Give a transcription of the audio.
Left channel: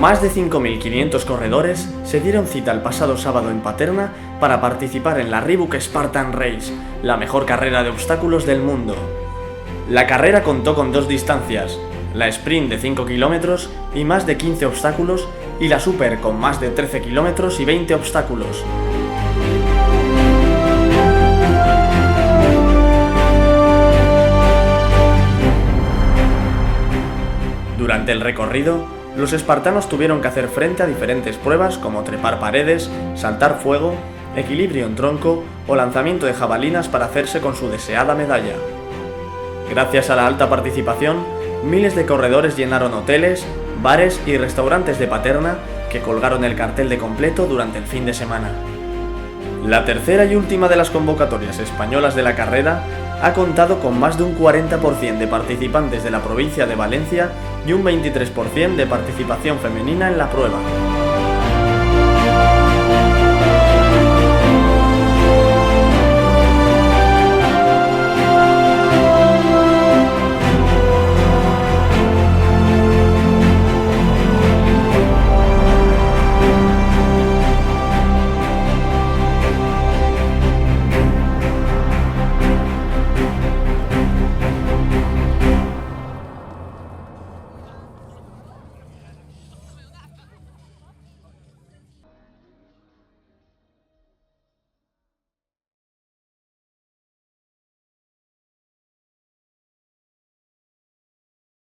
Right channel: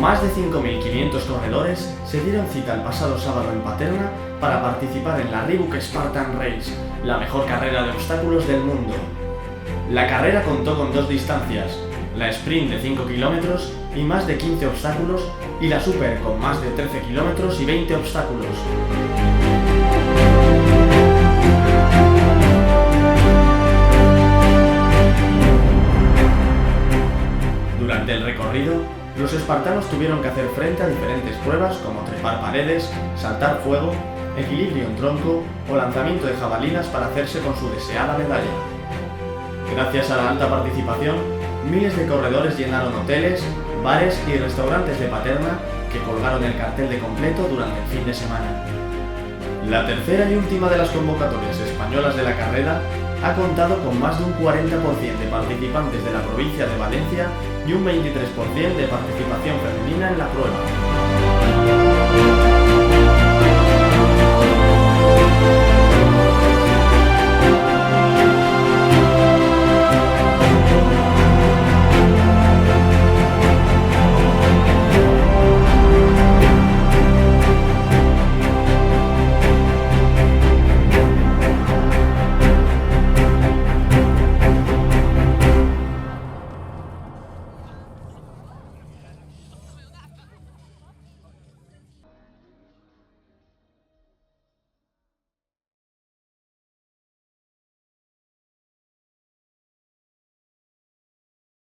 Más de 5.500 corredores se dieron cita el pasado sábado en Paterna para participar en la Reebok Spartan Race, la mejor carrera de obstáculos del mundo. La carrera contó con dos distancias, la sprint de 5 kilómetros y más de 15 obstáculos y la super con más de 13 kilómetros y 20 obstáculos. Durante el recorrido, los espartanos tuvieron que hacer frente a diferentes pruebas como trepar paredes, saltar fuego, equilibrio en tronco o lanzamiento de jabalinas para hacerse con su deseada medalla. Gracias a la alta participación, miles de corredores llenaron hoteles, bares y restaurantes de Paterna que colgaron el cartel de completo durante el fin de semana. La tercera y última de las convocatorias españolas de la carrera ha contado con más de un 40% de participantes de la provincia de Valencia y un 23% de participación femenina en la prueba.